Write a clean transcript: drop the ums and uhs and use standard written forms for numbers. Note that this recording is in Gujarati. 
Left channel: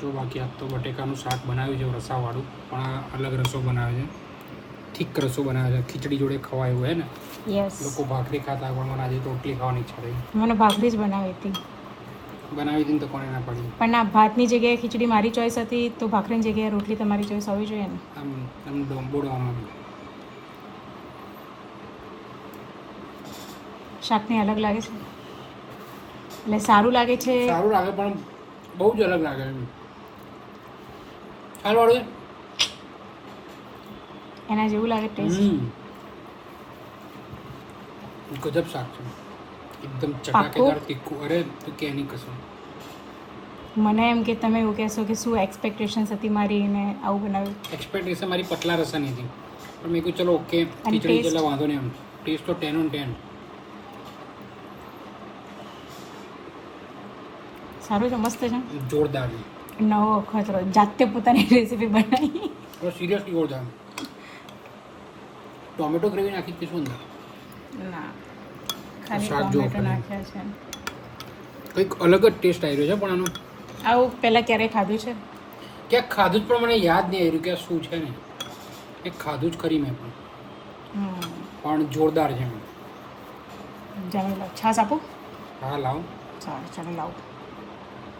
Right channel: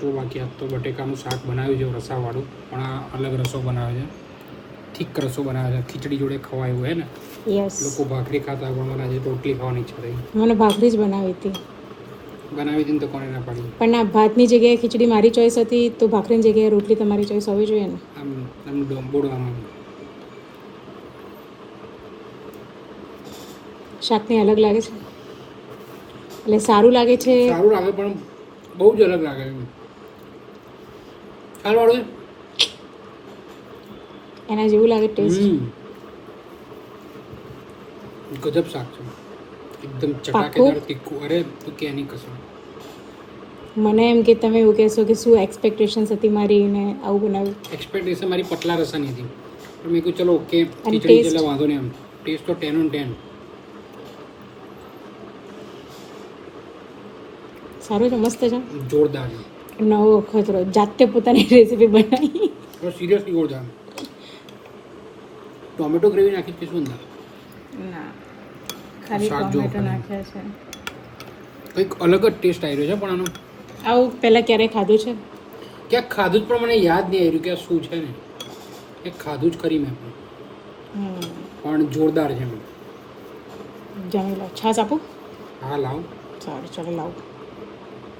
જો બાકી આ તો બટેકાનું શાક બનાવ્યું છે રસાવાળું, પણ આ અલગ રસો બનાવે છે, ઠીક રસો બનાવે છે, ખીચડી જોડે ખવાય એવું હે ને. યસ, લોકો ભાખરી ખાતા પણ મને આજે રોટલી ખાવાની ઈચ્છા થઈ. મને ભાખરી જ બનાવી હતી. બનાવી હતી ને તો કોને ના પાડી. પણ આ ભાતની જગ્યાએ ખીચડી મારી ચોઈસ હતી, તો ભાખરીની જગ્યાએ રોટલી તમારી ચોઈસ હોવી જોઈએ ને. આમ ડોંબોડવામાં શાકની અલગ લાગે છે, એટલે સારું લાગે છે. સારું લાગે પણ બહુ જ અલગ લાગે છે. સારું વાળું એના જેવું લાગે ટેસ્ટ. ગજબ શાક છે, એકદમ ચટાકેદાર તીખું. અરે તું કે એની કસમ. મને એમ કે તમે એવું કહેશો કે શું એક્સપેક્ટેશન્સ હતી મારી ને આવું બનાવ્યું. એક્સપેક્ટેશન મારી પતલા રસાની હતી, પણ મેં કહ્યું ચલો ઓકે ખીચડી taste? એટલે વાંધો નહીં. આમ ટેસ્ટ તો 10 on 10. સારું છે, મસ્ત છે, જોરદાર છે. નવો ખતરો, જાતે પોતાની રેસીપી બનાવી. તો સિરિયસલી જોરદાર. ટોમેટો ગ્રેવી નાખી છે શું અંદર? ના, ખાલી શાક જો ટોમેટો નાખ્યા છે. કંઈક અલગ જ ટેસ્ટ આવી રહ્યો છે, પણ આનો આવું પહેલા ક્યારે ખાધું છે? ક્યાંક ખાધું જ પણ મને યાદ નહીં આવી રહ્યું કે આ શું છે ને. એક ખાધું જ ખરી મેં પણ જોરદાર છે. જાણી લો. છાશ આપું? હા લાવ. સારું, ચાલો લાવું.